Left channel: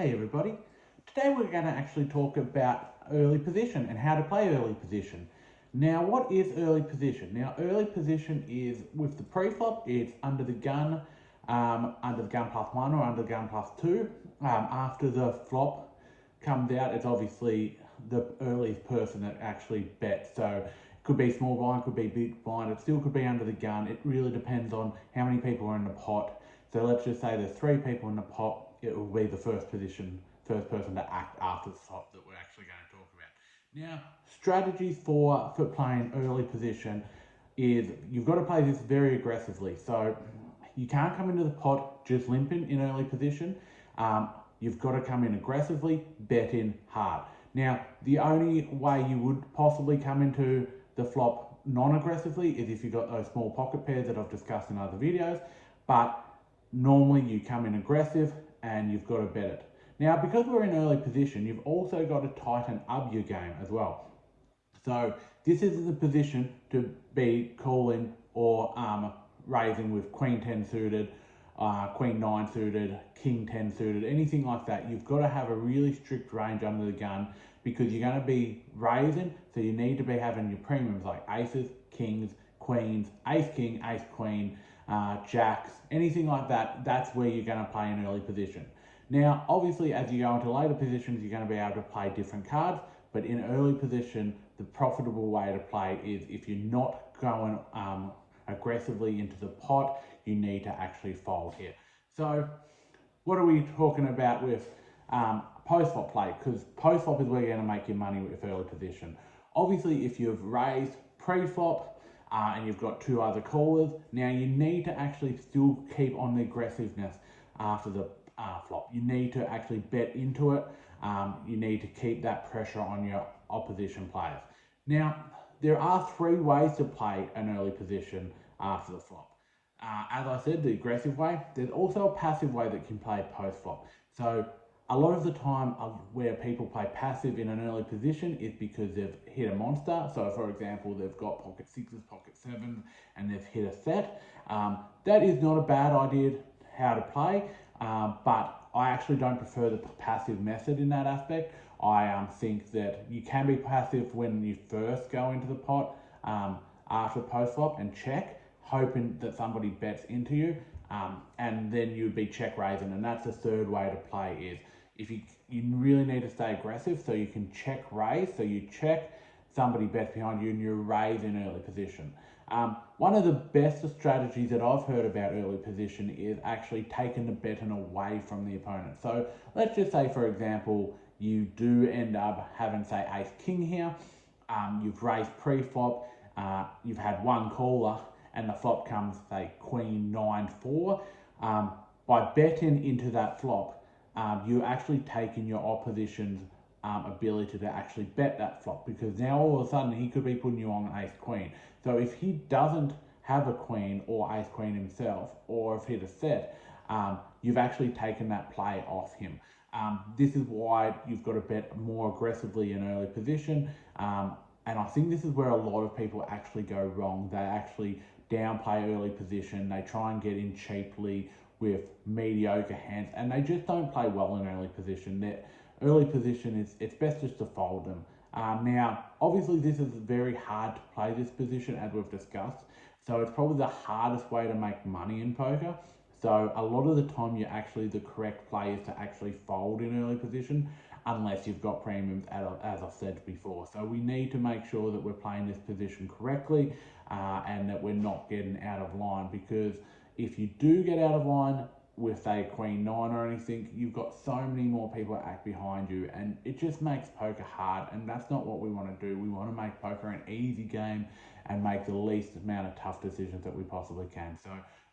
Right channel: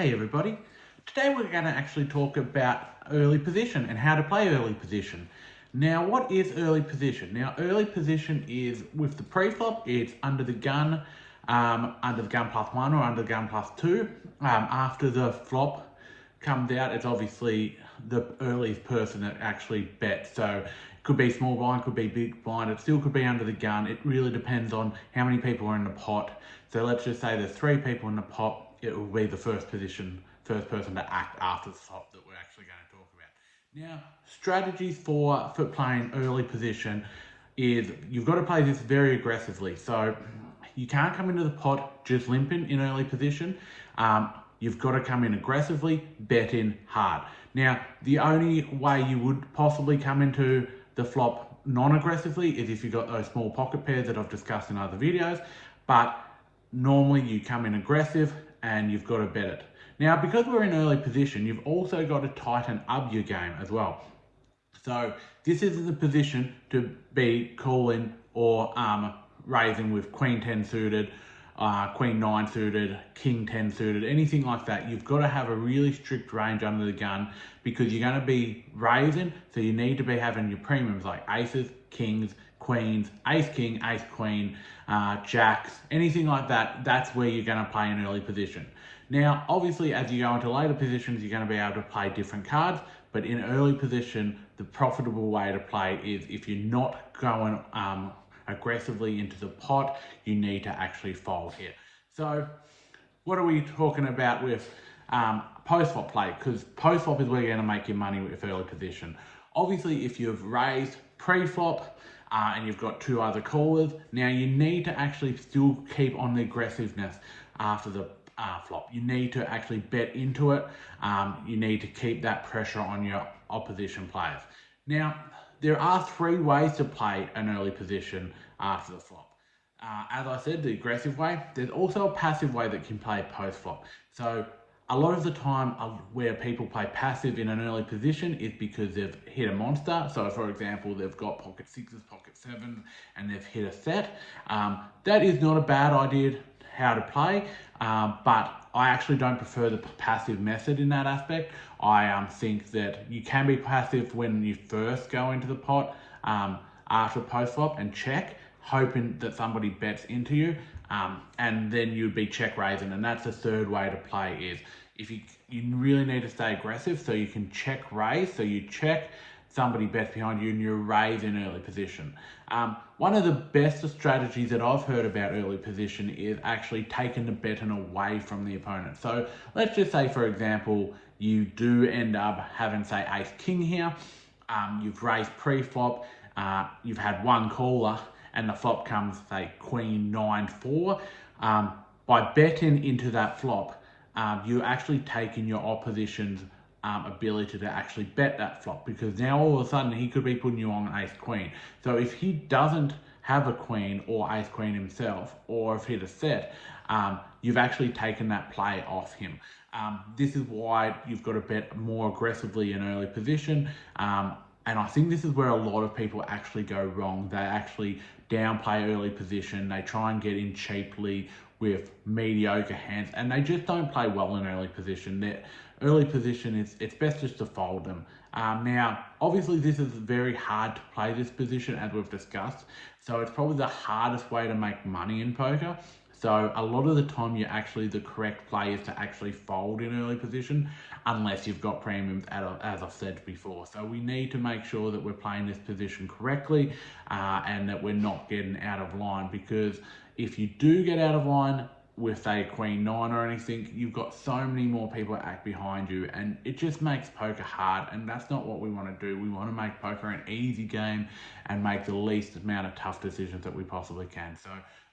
Hey everybody, today we're going to actually talk about early position and how to play early position. Now what is early position? Now early position is with the pre-flop, it's under the gun +1 or under the gun +2. After the flop comes out, it's obviously the earliest person that actually bets. So it could be small blind, could be big blind, it still could be under the gun. It really depends on how many people are in the pot. So let's just say there's 3 people in the pot, it will be the first person to act after the flop that we're actually going to talk about. Now, strategies for playing early position is you've got to play this very aggressively. So you can't come into the pot just limping in early position. You've got to come in aggressively, bet in hard. Now, the only way you would possibly come into the flop non-aggressively is if you've got those small pocket pairs that I've discussed in other videos, but normally you come in aggressive and you've got to bet it. Now, because we're in early position, you've also got to tighten up your game as well. So this is the position to be calling or raising with Queen 10 suited, Queen 9 suited, King 10 suited, anything like that. You've got to have a really strict range under the gun because you're going to be raising, so you need to be having your premiums like aces, kings, queens, ace king, ace queen, jacks, anything like that. That's where you're going to play in early position. Now, obviously, as you go into later positions, you're going to be able to play different cards, but in early position, the profitable way to play is if you're not going aggressively into the pot, you need to actually fold here. So what are we talking about with post-flop play? Because post-flop is where you're going to make your money with early position. Obviously, if you've raised pre-flop and you've got 2 other callers, now you need to actually still keep on the aggressiveness after the flop. You need to actually bet into it. You need to keep that pressure on your opposition players. Now, there are 3 ways to play an early position after the flop. As I said, the aggressive way. There's also a passive way that can play post-flop. So a lot of the time where people play passive in an early position is because they've hit a monster. So for example, they've got pocket 6s, pocket 7s, and they've hit a set. That is not a bad idea how to play, but I actually don't prefer the passive method in that aspect. I think that you can be passive when you first go into the pot after post-flop and check, hoping that somebody bets into you, and then you'd be check raising. And that's the 3rd way to play is if you really need to stay aggressive so you can check raise, so you check, somebody bets behind you and you raise in early position. One of the best strategies that I've heard about early position is actually taking the betting away from the opponent. So let's just say, for example, you do end up having, say, ace king here. You've raised pre-flop, you've had 1 caller, and the flop comes, say, Queen 9-4. By betting into that flop, you're actually taking your opposition's ability to actually bet that flop, because now all of a sudden he could be putting you on ace queen. So if he doesn't have a queen or ace queen himself, or if hit a set, you've actually taken that play off him. This is why you've got to bet more aggressively in early position. And I think this is where a lot of people actually go wrong. They actually downplay early position. They try and get in cheaply with mediocre hands, and they just don't play well in early position. Their early position, it's best just to fold them. Now, obviously this is very hard to play this position, as we've discussed. So it's probably the hardest way to make money in poker. So a lot of the time, the correct play is to actually fold in early position, unless you've got premiums, as I've said before. So we need to make sure that we're playing this position correctly and that we're not getting out of line, because if you do get out of line with a Queen 9 or anything, you've got so many more people that act behind you, and it just makes poker hard, and that's not what we want to do. We want to make poker an easy game and make the least amount of tough decisions that we possibly can. So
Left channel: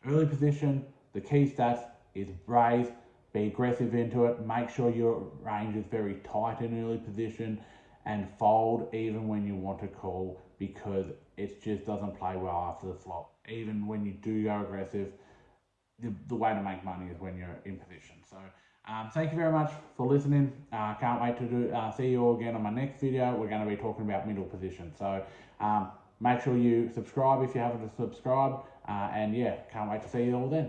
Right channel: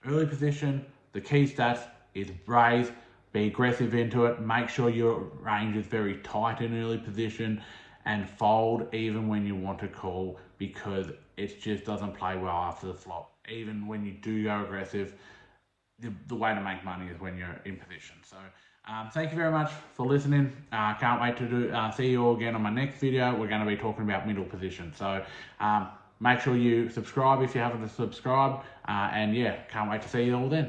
early position, the key stats is raise, be aggressive into it, make sure your range is very tight in early position, and fold even when you want to call, because it just doesn't play well after the flop. Even when you do go aggressive, the way to make money is when you're in position. So thank you very much for listening. Can't wait to see you all again on my next video. We're going to be talking about middle position. So make sure you subscribe if you haven't subscribed. And yeah, can't wait to see you all then.